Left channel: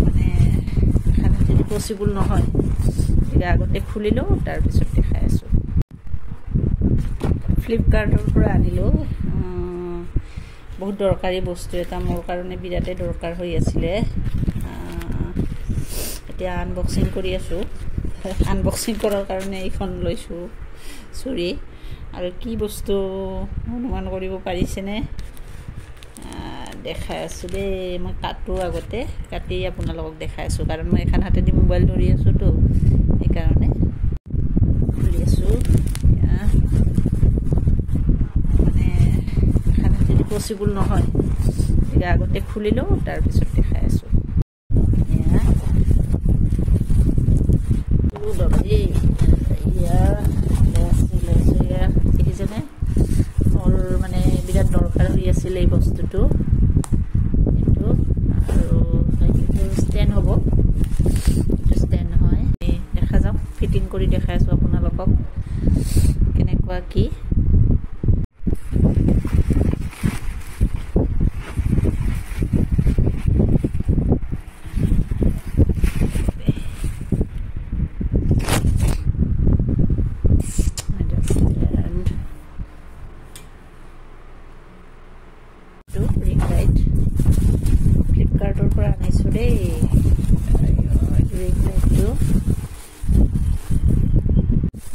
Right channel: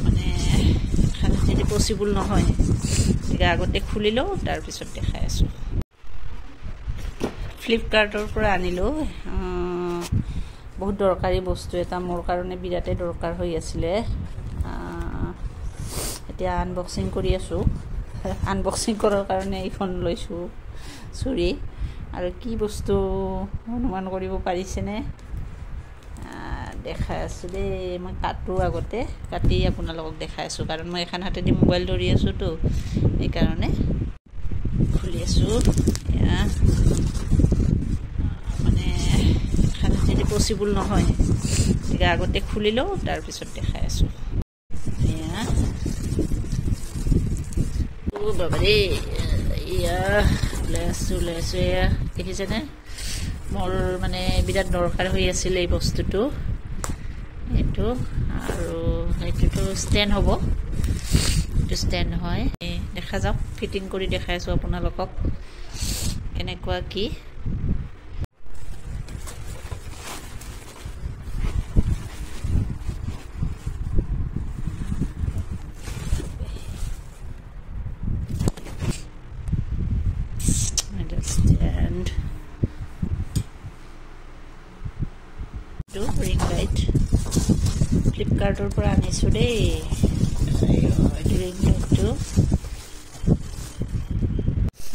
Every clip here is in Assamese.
মানে এখানে যদি পচিবল নহয় গতিকে আগতে খুলি লওঁ তাৰপিছত দেখাই আছোঁ ফ্লিপকাৰ্টৰ পৰা আনিলোঁ বহুত দৰকাৰী বস্তু এটা মোৰ কাৰণে বিৰাটেই দৰকাৰ হৈ আছিলে এতিয়া আনবক্সিং কৰি আছোঁ আনবক্সিং কৰাৰ কাৰণে এইখন লৈছোঁ চুৰি আৰু কি বস্তু অনুমান কৰিব পাৰিছেনে দেখাই আছোঁ দেই মই কাটো আগতে কাটি আপোনালোকক দেখাই আছোঁ কাৰণ মই এখন হাতেদি মোবাইল ধৰি আছোঁতো এইকাৰণে খুলি আছোঁ মানে এখানে যদি পচিবল নহয় গতিকে আগতে খুলি লওঁ তাৰপিছত দেখাই আছোঁ বাবাৰে ওলাই আছোঁ এয়া দেখিছেনে মোৰ মানে বিৰাট দৰকাৰ হৈ আছিলে এই বস্তুটো এইটো আৰু এইটোতো ষ্টেণ্ড হ'ব এইটো ষ্টেণ্ড হয় দেখা যাওক ফিটিং কৰি দেখাই আছোঁ আপোনালোকক কেনেকুৱা কি ring light ফ্লিপকাৰ্টৰ পৰা আনিছোঁ দেই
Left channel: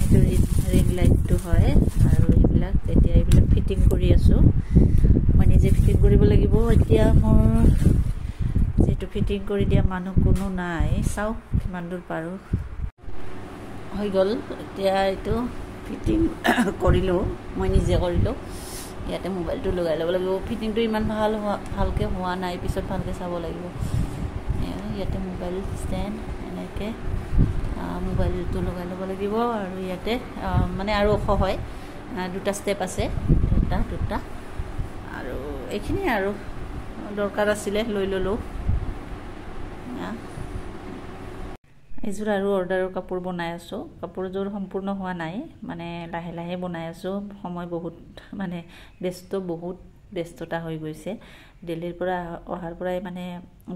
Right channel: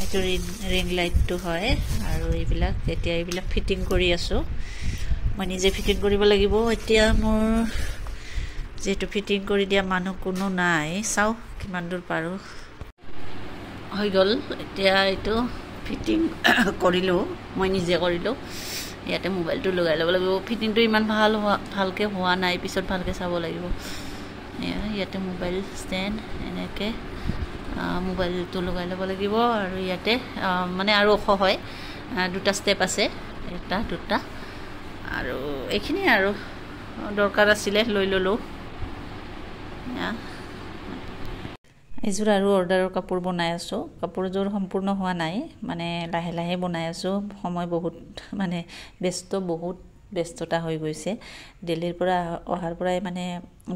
এইটো ৰিং লাইটটো হয় আৰু এইবিলাক এতিয়া এইবিলাক ফিটিং কৰি আছোঁ মই নিজে ফিটিং কৰিব লাগিব এতিয়া মোৰ যেহেতু ফিটিং কৰি দিয়া মানুহ কোনো নাই চাওঁ কিমান দূৰ পাৰোঁ হৈ গ'ল এতিয়া এইটো ফিটিং কৰিলোঁ মই নিজে কৰিলোঁ ইয়াতে মোবাইলটো লগাই ল'ব লাগিব ফিটিংটো ইমান ভালকৈ হোৱা নাই পিছত ভালকৈ চাব লাগিব ইয়াতে মোবাইল ষ্টেণ্ড এনেকৈ মোবাইলটো লগাই ল'ব লাগিব আৰু ইয়াতে মানে আৰু ওখ হয় দুটা ষ্টেপ আছে এটা দুটা আৰু এইখিনি আৰু দৰকাৰ আছিলে লৈ ল'লোঁ এইযোৰ আৰু অৰ্ডাৰৰ কাপোৰ বনাই আছোঁ কাপোৰযোৰ সম্পূৰ্ণ হোৱা নাই মানে লাহে লাহে বনাই আছোঁ সময় বহুত মানে বহুত ব্যস্ততা হৈ গৈছে দিল্লীৰ পৰা অহাৰ পৰাই মানে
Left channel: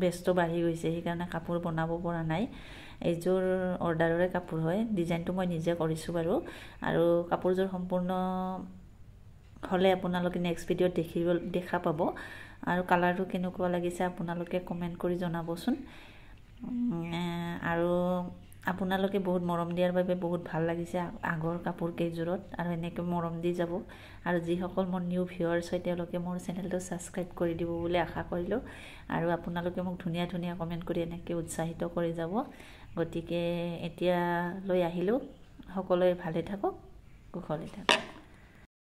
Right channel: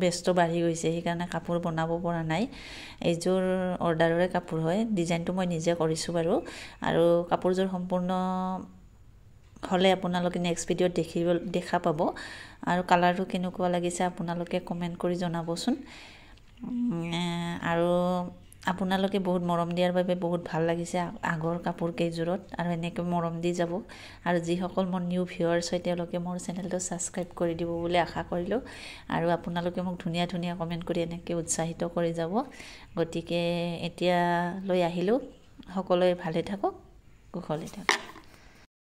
ব্যস্ত বাঢ়ি গৈছে সেইকাৰণে কাপোৰ বনাব পৰা নাই এইযোৰ অৰ্ডাৰৰে কাপোৰ হয় ডিজাইনটো মই নিজে কৰিছোঁ বাৰু আৰু কাপোৰযোৰ সম্পূৰ্ণ হ'লে আপোনালোকে নেক্সট ভিডিঅ'ত দেখা পাব আৰু কালাৰটো কেনেকুৱা লাগিছে আপোনালোকে কমেণ্ট কৰি জনাবচোন আৰু আপোনালোকে বহুত মৰম দিয়াৰ বাবে বহুত ভাল লাগিছে আগৰ কাপোৰ কেইযোৰত আৰু এনেকৈ মৰম দি যাব আৰু যিসকল মোৰ নিউ ভিউৱাৰ্ছ হয় তেওঁলোকে মোৰ চেনেলটো ছাবস্ক্ৰাইব কৰি দিব বুলি আশা কৰিলোঁ আৰু আপোনালোকে মোক ধুনীয়া ধুনীয়া কমেণ্ট কৰি এনেকৈ উৎসাহিত কৰি যাব গতিকে এতিয়া লৈ আহিলোঁ সকলোৱে ভালে থাকক কুশলে থাকক